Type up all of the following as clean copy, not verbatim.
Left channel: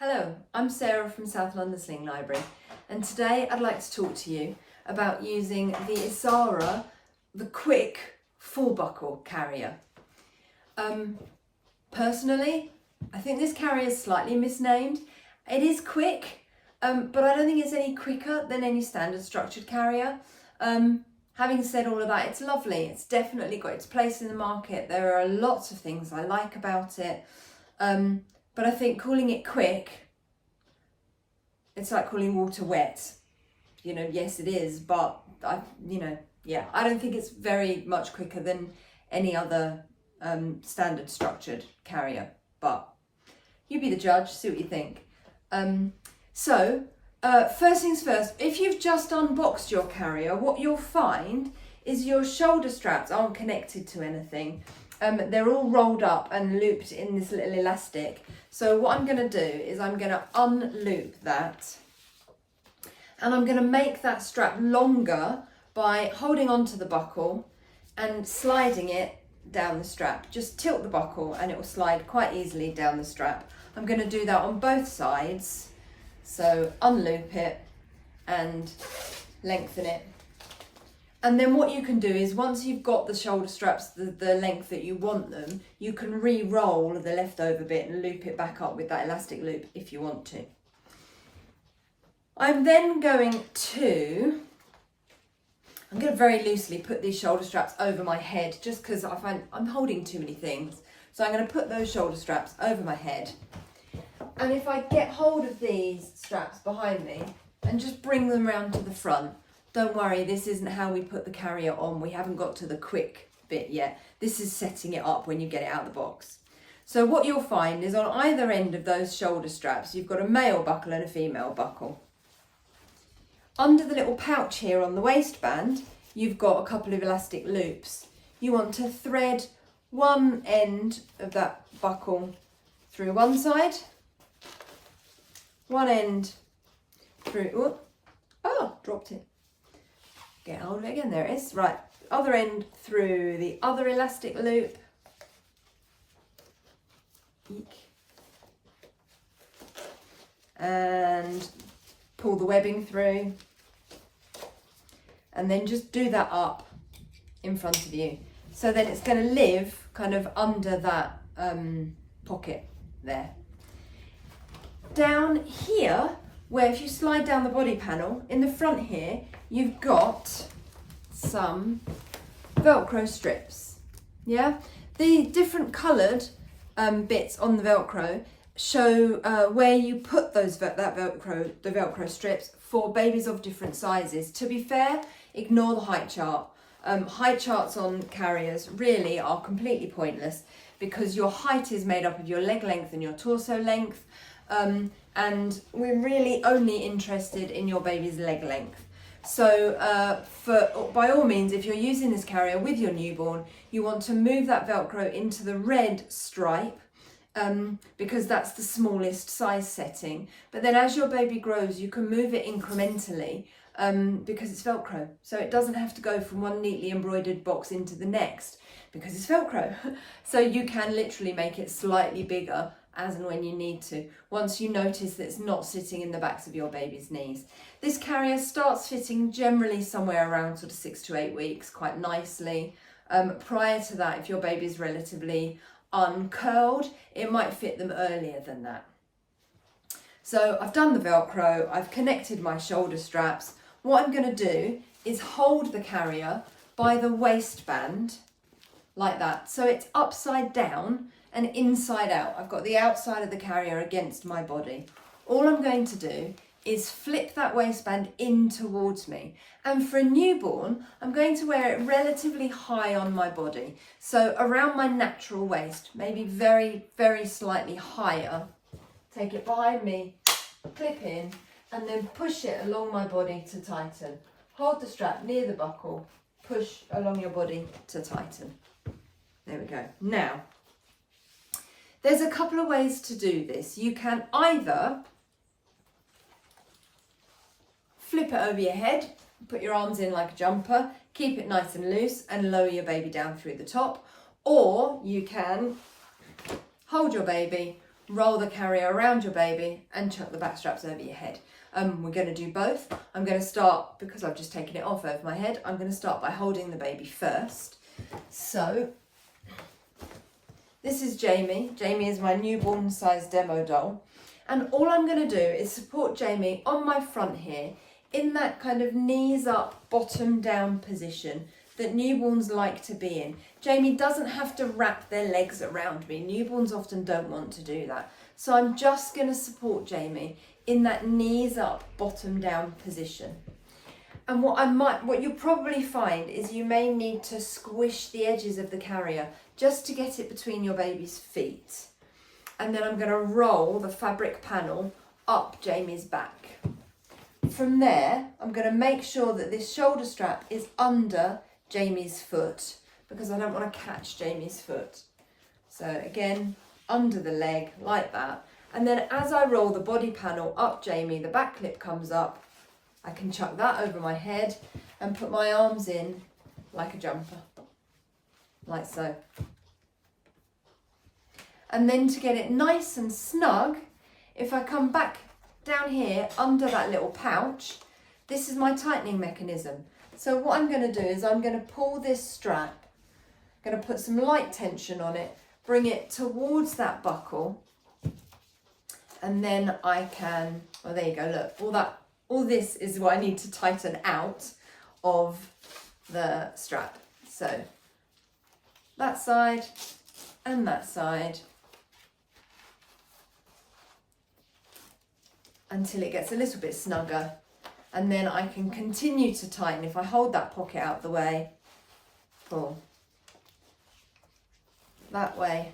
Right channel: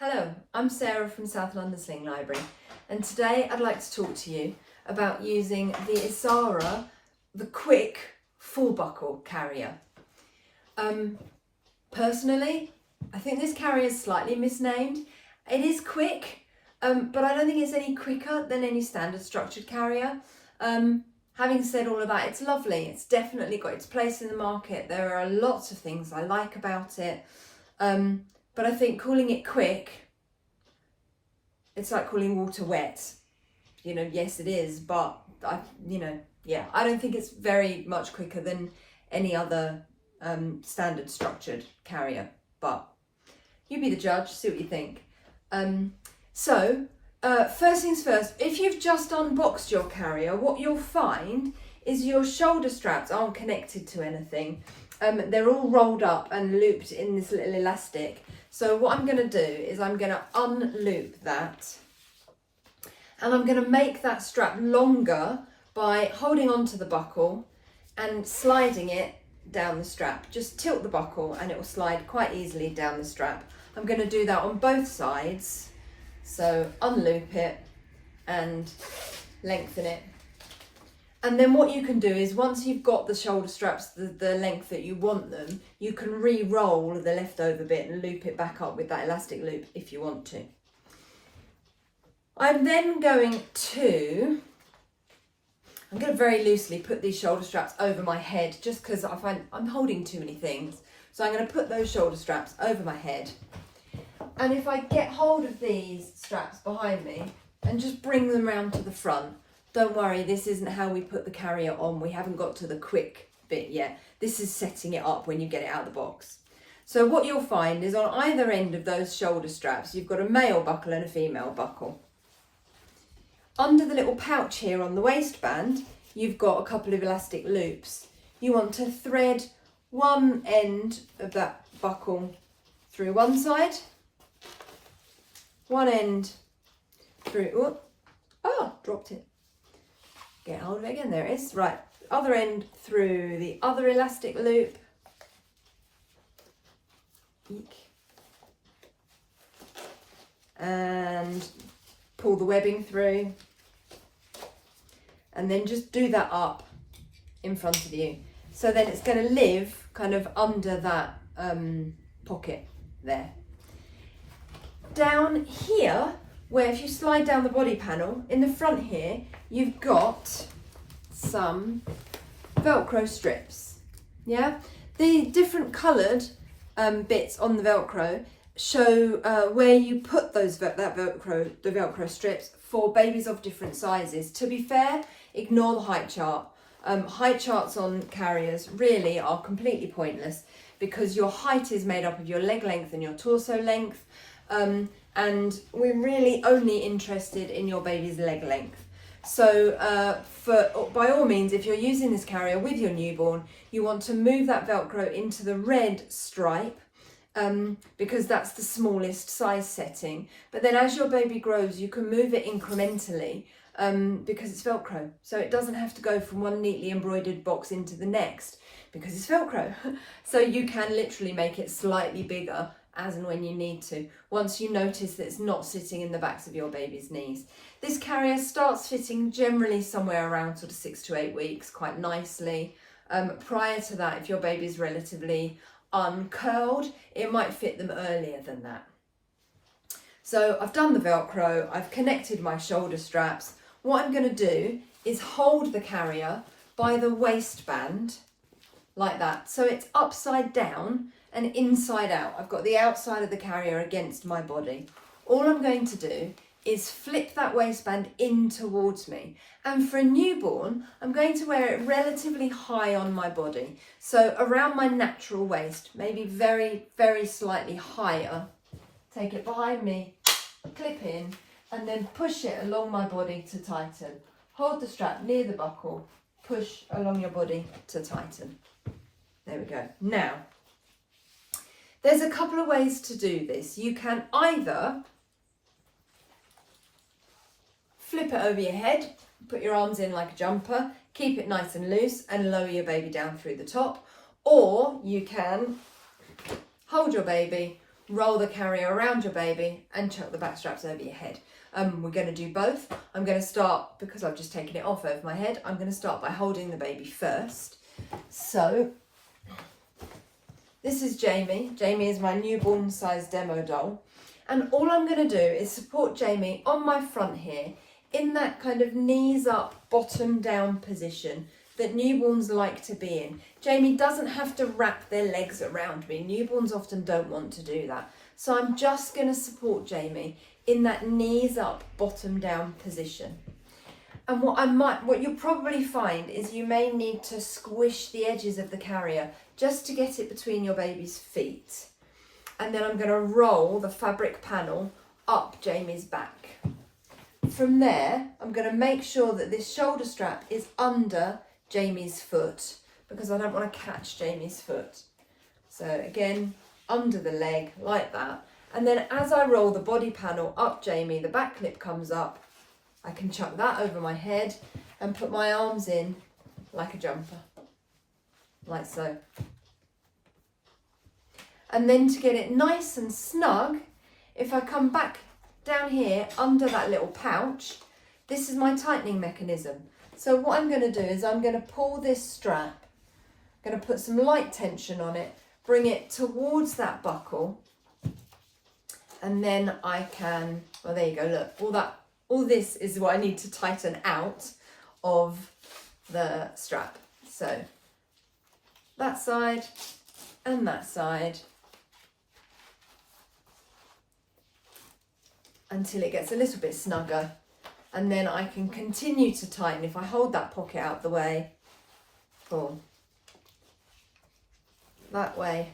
Hello, I'm Sarah from South London Sling Library, and today I'd like to talk to you about using the Isara, the quick full buckle carrier. Personally, I think this carrier is slightly misnamed. It is quick, but I don't think it's any quicker than any standard structured carrier. Having said all of that, it's lovely. It's definitely got its place in the market. There are lots of things I like about it. But I think calling it quick, it's like calling water wet. Yes it is, but I don't think it's very much quicker than any other standard structured carrier. But you be the judge, see what you think. First things first, if you've just unboxed your carrier, what you'll find is your shoulder straps aren't connected to anything. They're all rolled up and looped in this little elastic. So what I'm going to do is I'm going to unloop that, and I'm going to make that strap longer by holding onto the buckle and sliding it down the strap. Just tilt the buckle and it will slide quite easily down the strap. I'm going to do that on both sides. So unloop it and lengthen it. And then what you can do is once you've got the shoulder straps the length that you want them, you can re-roll the leftover bit and loop it back up with that elastic loop if you want to. I'm going to very loosely put these shoulder straps over my head just because I find I'm holding too many things. So I'm going to put those shoulder straps over my head. And if I get hold of these straps behind me and just bring them round to the front, don't worry, this isn't how we put the carrier on. We haven't got to the quick bit yet. This is setting it up when you get it out of the box. So what you'll find is on either end of those shoulder straps, you've got a male buckle and a female buckle. Under the little pouch here on the waistband, you've got a couple of elastic loops. You want to thread one end of that buckle through one side, one end through, dropped it. Get hold of it again, there it is. Right, other end through the other elastic loop. Eek. And pull the webbing through. And then just do that up in front of you. So then it's going to live kind of under that pocket there. Down here, where if you slide down the body panel, in the front here, you've got some Velcro strips. Yeah, the different coloured bits on the Velcro show where you put the Velcro strips for babies of different sizes. To be fair, ignore the height chart. Height charts on carriers really are completely pointless because your height is made up of your leg length and your torso length. And we're really only interested in your baby's leg length. So by all means, if you're using this carrier with your newborn, you want to move that Velcro into the red stripe because that's the smallest size setting. But then as your baby grows, you can move it incrementally because it's Velcro. So it doesn't have to go from one neatly embroidered box into the next because it's Velcro. So you can literally make it slightly bigger as and when you need to, once you notice that it's not sitting in the backs of your baby's knees. This carrier starts fitting generally somewhere around sort of 6 to 8 weeks, quite nicely. Prior to that, if your baby's relatively uncurled, it might fit them earlier than that. So I've done the Velcro, I've connected my shoulder straps. What I'm going to do is hold the carrier by the waistband like that. So it's upside down and inside out. I've got the outside of the carrier against my body. All I'm going to do is flip that waistband in towards me. And for a newborn, I'm going to wear it relatively high on my body. So around my natural waist, maybe very, very slightly higher. Take it behind me, clip in, and then push it along my body to tighten. Hold the strap near the buckle, push along your body to tighten. There we go. Now, there's a couple of ways to do this. You can either flip it over your head, put your arms in like a jumper, keep it nice and loose and lower your baby down through the top, or you can hold your baby roll the carrier around your baby and chuck the back straps over your head. We're going to do both. I'm going to start, because I've just taken it off over my head, I'm going to start by holding the baby first. So this is Jamie. Jamie is my newborn size demo doll. And all I'm going to do is support Jamie on my front here in that kind of knees up, bottom down position that newborns like to be in. Jamie doesn't have to wrap their legs around me. Newborns often don't want to do that. So I'm just going to support Jamie in that knees up, bottom down position. And what you'll probably find is you may need to squish the edges of the carrier just to get it between your baby's feet. And then I'm going to roll the fabric panel up Jamie's back. From there, I'm going to make sure that this shoulder strap is under Jamie's foot, because I don't want to catch Jamie's foot. So again, under the leg like that. And then as I roll the body panel up Jamie, the back clip comes up. I can chuck that over my head and put my arms in like a jumper, like so. And then to get it nice and snug, if I come back down here under that little pouch, this is my tightening mechanism. So what I'm going to do is I'm going to pull this strap, I'm going to put some light tension on it, bring it towards that buckle, and then I can, well, there you go, look, all this is what I need to tighten out of the strap. So that side and that side, until it gets a little bit snugger, and then I can continue to tighten. If I hold that pocket out the way, pull that way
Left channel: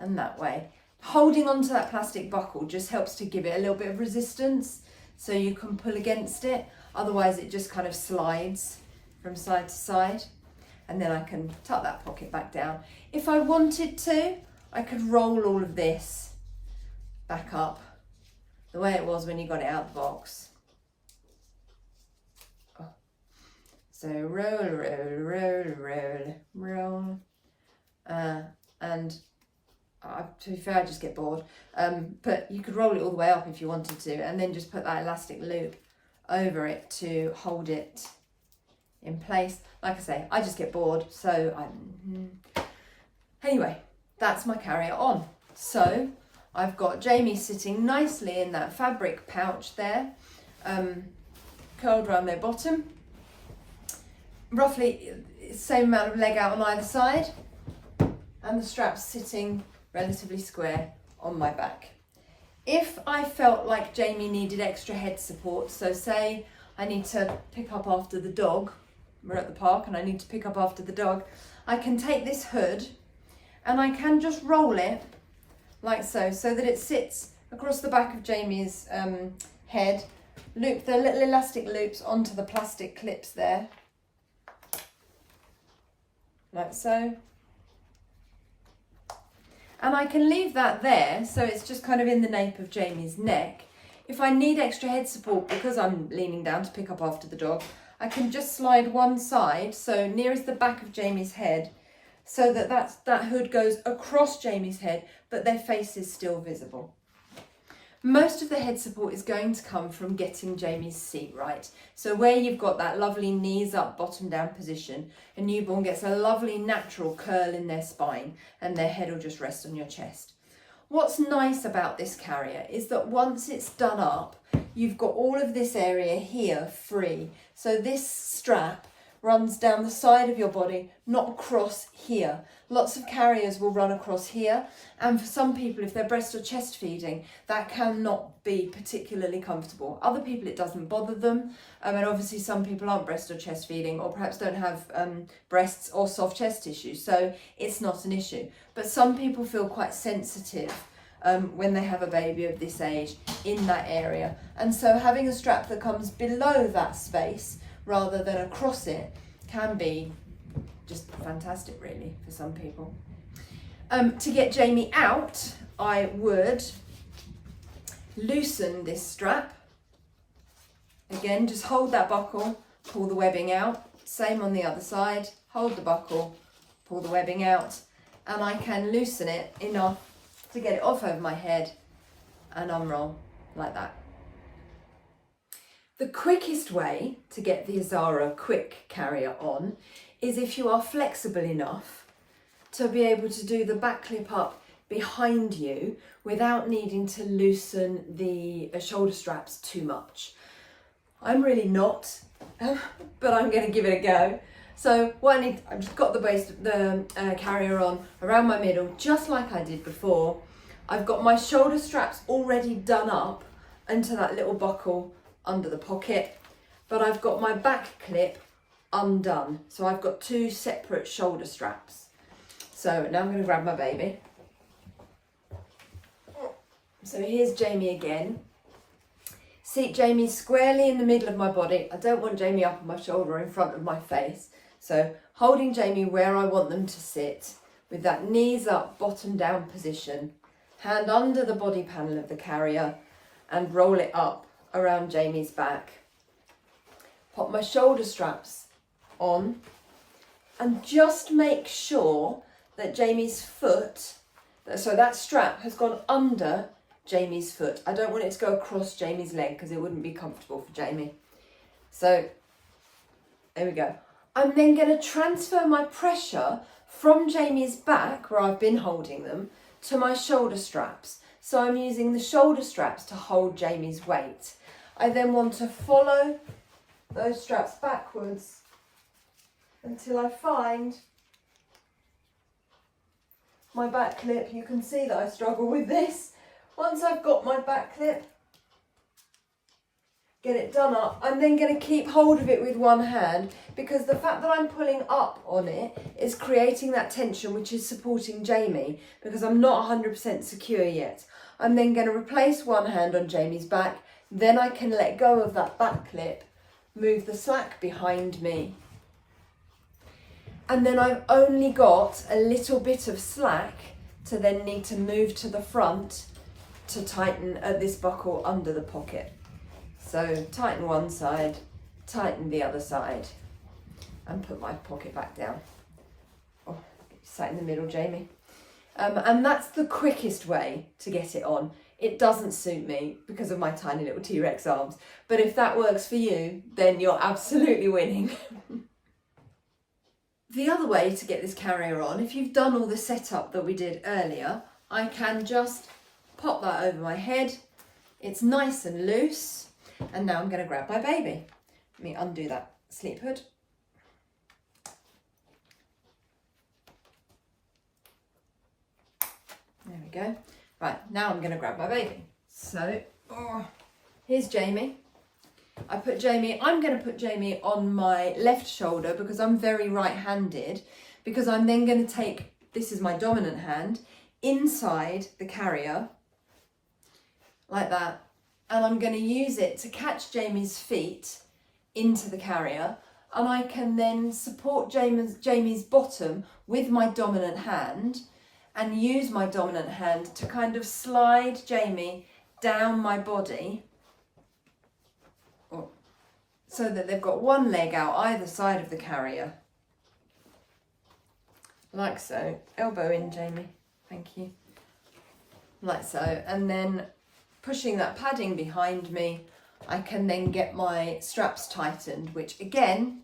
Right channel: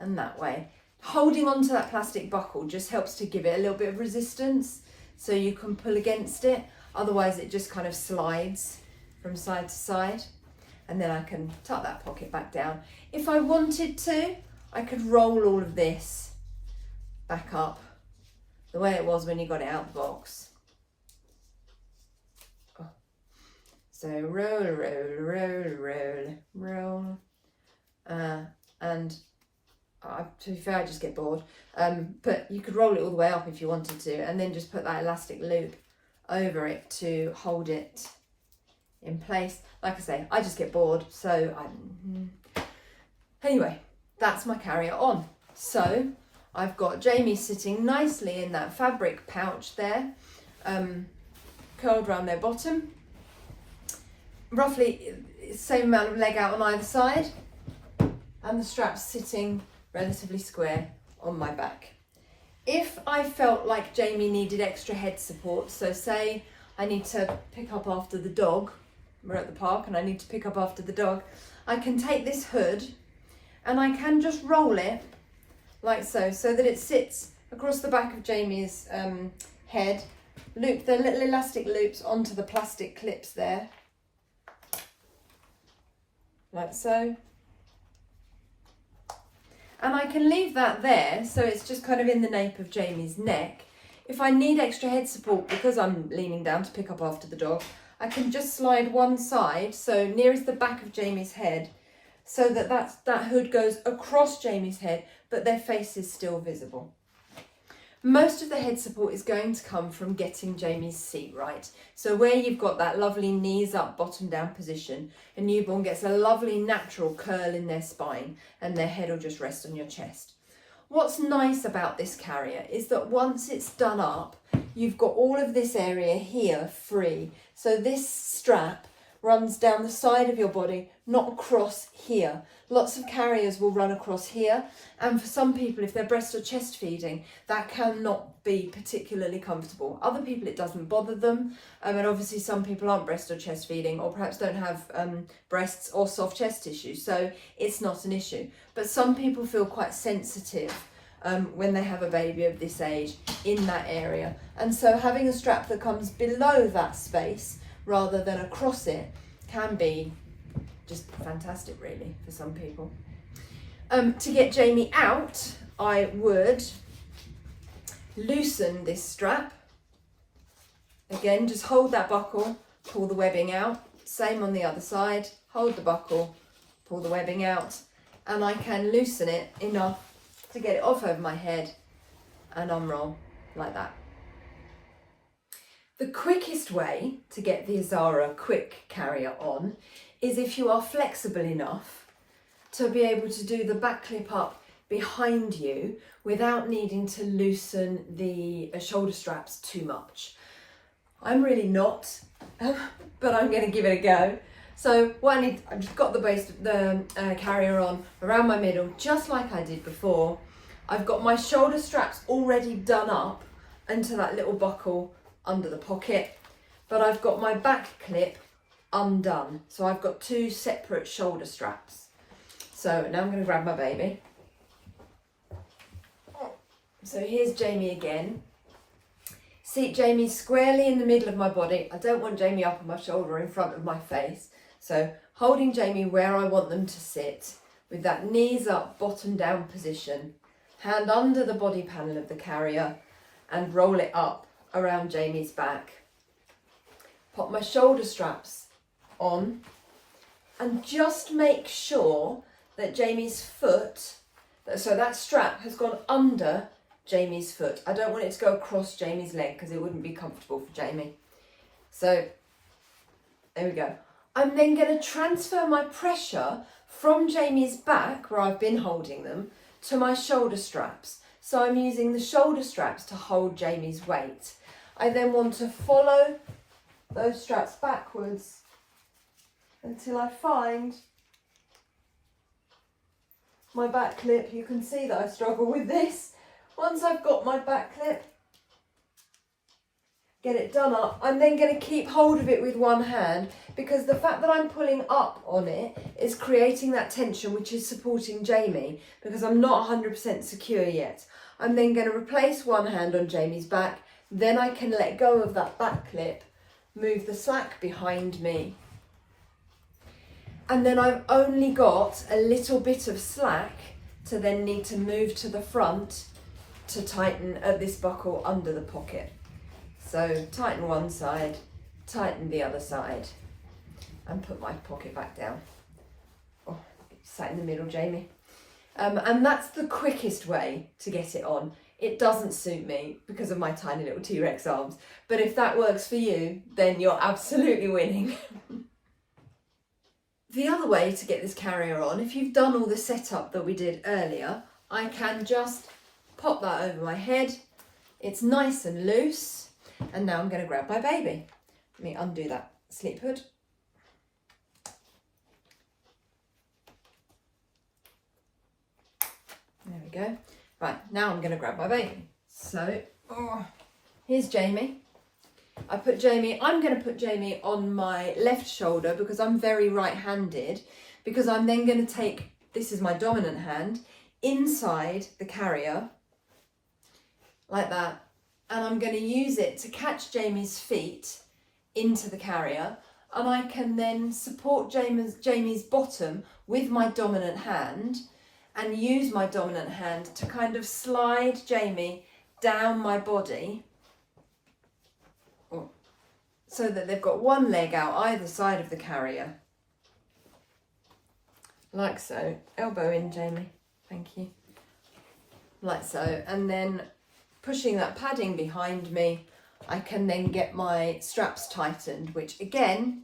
and that way. Holding onto that plastic buckle just helps to give it a little bit of resistance, so you can pull against it. Otherwise it just kind of slides from side to side, and then I can tuck that pocket back down. If I wanted to, I could roll all of this back up the way it was when you got it out of the box. Oh. So roll, roll, roll, roll, roll. And to be fair, I just get bored. But you could roll it all the way up if you wanted to, and then just put that elastic loop over it to hold it in place. Like I say, I just get bored, so anyway, that's my carrier on. So I've got Jamie sitting nicely in that fabric pouch there, curled around their bottom, roughly same amount of leg out on either side, and the straps sitting relatively square on my back. If I felt like Jamie needed extra head support, so say I need to pick up after the dog, we're at the park and I need to pick up after the dog, I can take this hood and I can just roll it like so, so that it sits across the back of Jamie's head, loop the little elastic loops onto the plastic clips there, like so. And I can leave that there, so it's just kind of in the nape of Jamie's neck. If I need extra head support because I'm leaning down to pick up after the dog, I can just slide one side, so nearest the back of Jamie's head, so that that hood goes across Jamie's head, but their face is still visible. Most of the head support is going to come from getting Jamie's seat right. So where you've got that lovely knees up, bottom down position, a newborn gets a lovely natural curl in their spine and their head will just rest on your chest. What's nice about this carrier is that once it's done up, you've got all of this area here free. So this strap runs down the side of your body, not across here. Lots of carriers will run across here, and for some people, if they're breast or chest feeding, that cannot be particularly comfortable. Other people, it doesn't bother them, and obviously some people aren't breast or chest feeding, or perhaps don't have breasts or soft chest tissue, so it's not an issue. But some people feel quite sensitive when they have a baby of this age in that area, and so having a strap that comes below that space rather than across it can be just fantastic, really, for some people. To get Jamie out, I would loosen this strap. Again, just hold that buckle, pull the webbing out. Same on the other side, hold the buckle, pull the webbing out, and I can loosen it enough to get it off over my head and unroll like that. The quickest way to get the Isara quick carrier on is if you are flexible enough to be able to do the back clip up behind you without needing to loosen the shoulder straps too much. I'm really not, but I'm going to give it a go. So what I've just got the carrier on around my middle, just like I did before. I've got my shoulder straps already done up into that little buckle under the pocket, but I've got my back clip undone. So I've got two separate shoulder straps. So now I'm going to grab my baby. So here's Jamie again. Seat Jamie squarely in the middle of my body. I don't want Jamie up on my shoulder or in front of my face. So holding Jamie where I want them to sit with that knees up, bottom down position, hand under the body panel of the carrier and roll it up around Jamie's back. Pop my shoulder straps on and just make sure that Jamie's foot, so that strap has gone under Jamie's foot. I don't want it to go across Jamie's leg because it wouldn't be comfortable for Jamie. So there we go. I'm then going to transfer my pressure from Jamie's back, where I've been holding them, to my shoulder straps. So I'm using the shoulder straps to hold Jamie's weight. I then want to follow those straps backwards until I find my back clip. You can see that I struggle with this. Once I've got my back clip, get it done up, I'm then going to keep hold of it with one hand, because the fact that I'm pulling up on it is creating that tension which is supporting Jamie, because I'm not 100% secure yet. I'm then going to replace one hand on Jamie's back, then I can let go of that back clip, move the slack behind me. And then I've only got a little bit of slack to then need to move to the front to tighten this buckle under the pocket. So tighten one side, tighten the other side, and put my pocket back down. Oh, sat in the middle, Jamie. And that's the quickest way to get it on. It doesn't suit me because of my tiny little T-Rex arms, but if that works for you, then you're absolutely winning. The other way to get this carrier on, if you've done all the setup that we did earlier, I can just pop that over my head. It's nice and loose. And now I'm going to grab my baby. Let me undo that sleep hood. There we go. Right, now I'm going to grab my baby. So, here's Jamie. I'm going to put Jamie on my left shoulder because I'm very right-handed, because I'm then going to take, this is my dominant hand, inside the carrier, like that. And I'm going to use it to catch Jamie's feet into the carrier, and I can then support Jamie's bottom with my dominant hand and use my dominant hand to kind of slide Jamie down my body so that they've got one leg out either side of the carrier. Like so. Elbow in, Jamie. Thank you. Like so. And then pushing that padding behind me, I can then get my straps tightened, which again,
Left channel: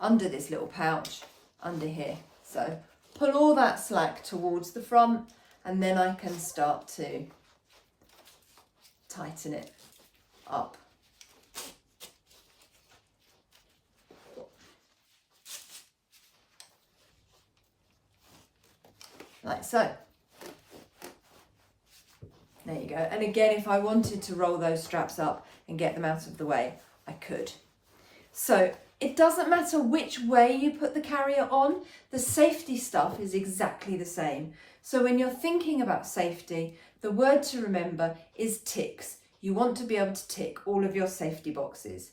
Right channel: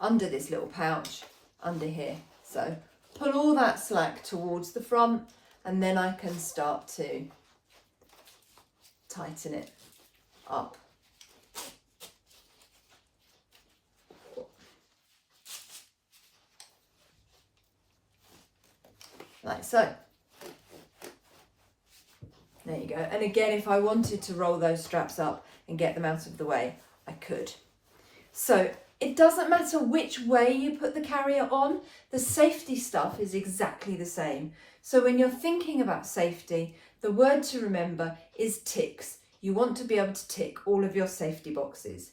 under this little pouch, under here. So pull all that slack towards the front, and then I can start to tighten it up. Like so. There you go. And again, if I wanted to roll those straps up and get them out of the way, I could. So it doesn't matter which way you put the carrier on, the safety stuff is exactly the same. So when you're thinking about safety, the word to remember is ticks. You want to be able to tick all of your safety boxes.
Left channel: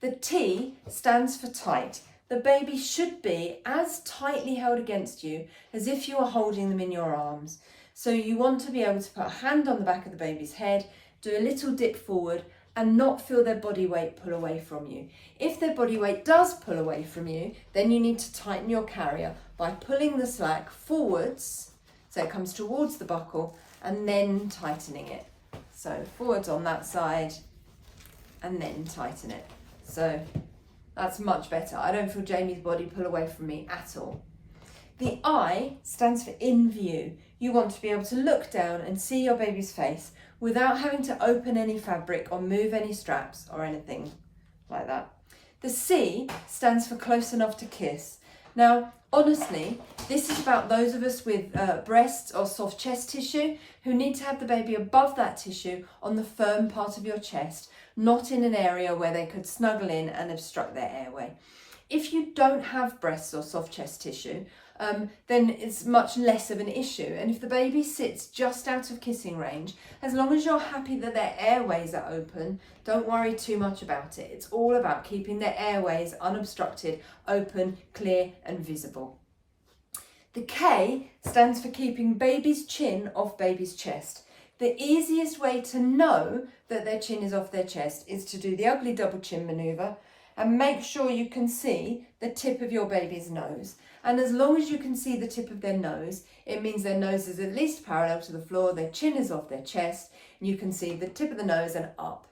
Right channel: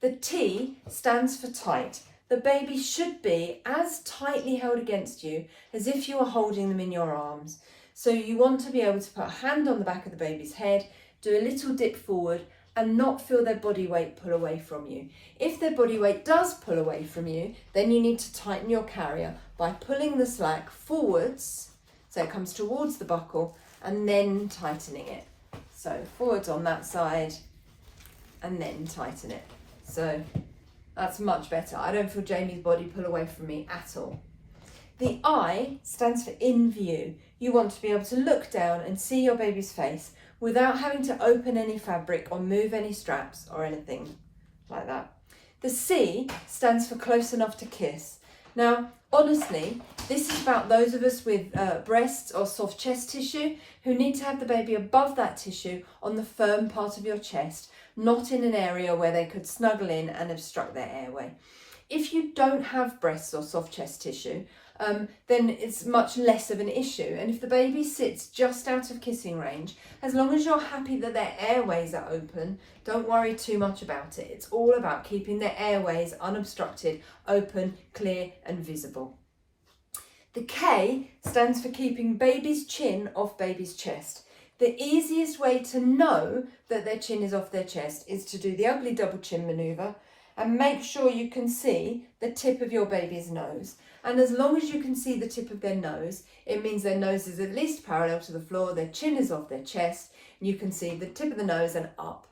The T stands for tight. The baby should be as tightly held against you as if you were holding them in your arms. So you want to be able to put a hand on the back of the baby's head, do a little dip forward, and not feel their body weight pull away from you. If their body weight does pull away from you, then you need to tighten your carrier by pulling the slack forwards so it comes towards the buckle, and then tightening it. So forwards on that side and then tighten it. So that's much better. I don't feel Jamie's body pull away from me at all. The I stands for in view. You want to be able to look down and see your baby's face without having to open any fabric or move any straps or anything like that. The C stands for close enough to kiss. Now, honestly, this is about those of us with breasts or soft chest tissue who need to have the baby above that tissue on the firm part of your chest, not in an area where they could snuggle in and obstruct their airway. If you don't have breasts or soft chest tissue, then it's much less of an issue. And if the baby sits just out of kissing range, as long as you're happy that their airways are open, don't worry too much about it. It's all about keeping their airways unobstructed, open, clear and visible. The K stands for keeping baby's chin off baby's chest. The easiest way to know that their chin is off their chest is to do the ugly double chin manoeuvre and make sure you can see the tip of your baby's nose. And as long as you can see the tip of their nose, it means their nose is at least parallel to the floor, their chin is off their chest, and you can see the tip of the nose and up.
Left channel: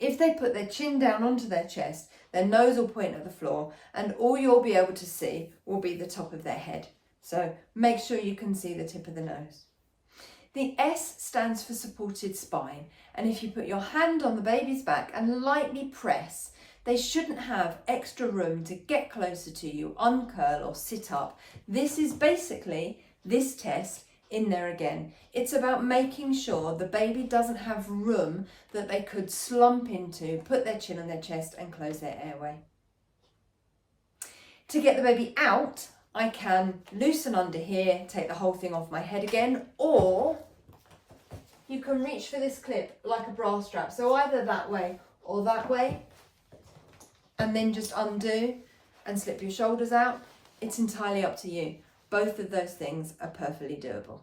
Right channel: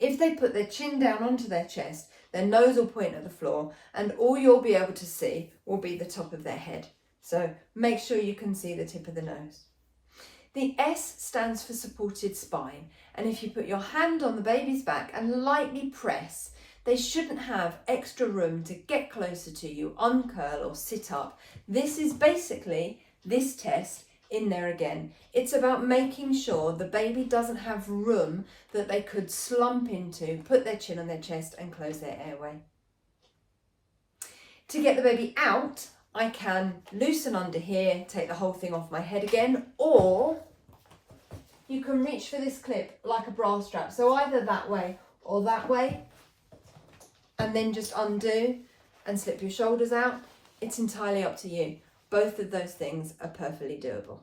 If they put their chin down onto their chest, their nose will point at the floor, and all you'll be able to see will be the top of their head. So make sure you can see the tip of the nose. The S stands for supported spine, and if you put your hand on the baby's back and lightly press, they shouldn't have extra room to get closer to you, uncurl or sit up. This is basically this test in there again. It's about making sure the baby doesn't have room that they could slump into, put their chin on their chest and close their airway. To get the baby out, I can loosen under here, take the whole thing off my head again, or you can reach for this clip like a bra strap. So either that way or that way, and then just undo and slip your shoulders out. It's entirely up to you. Both of those things are perfectly doable.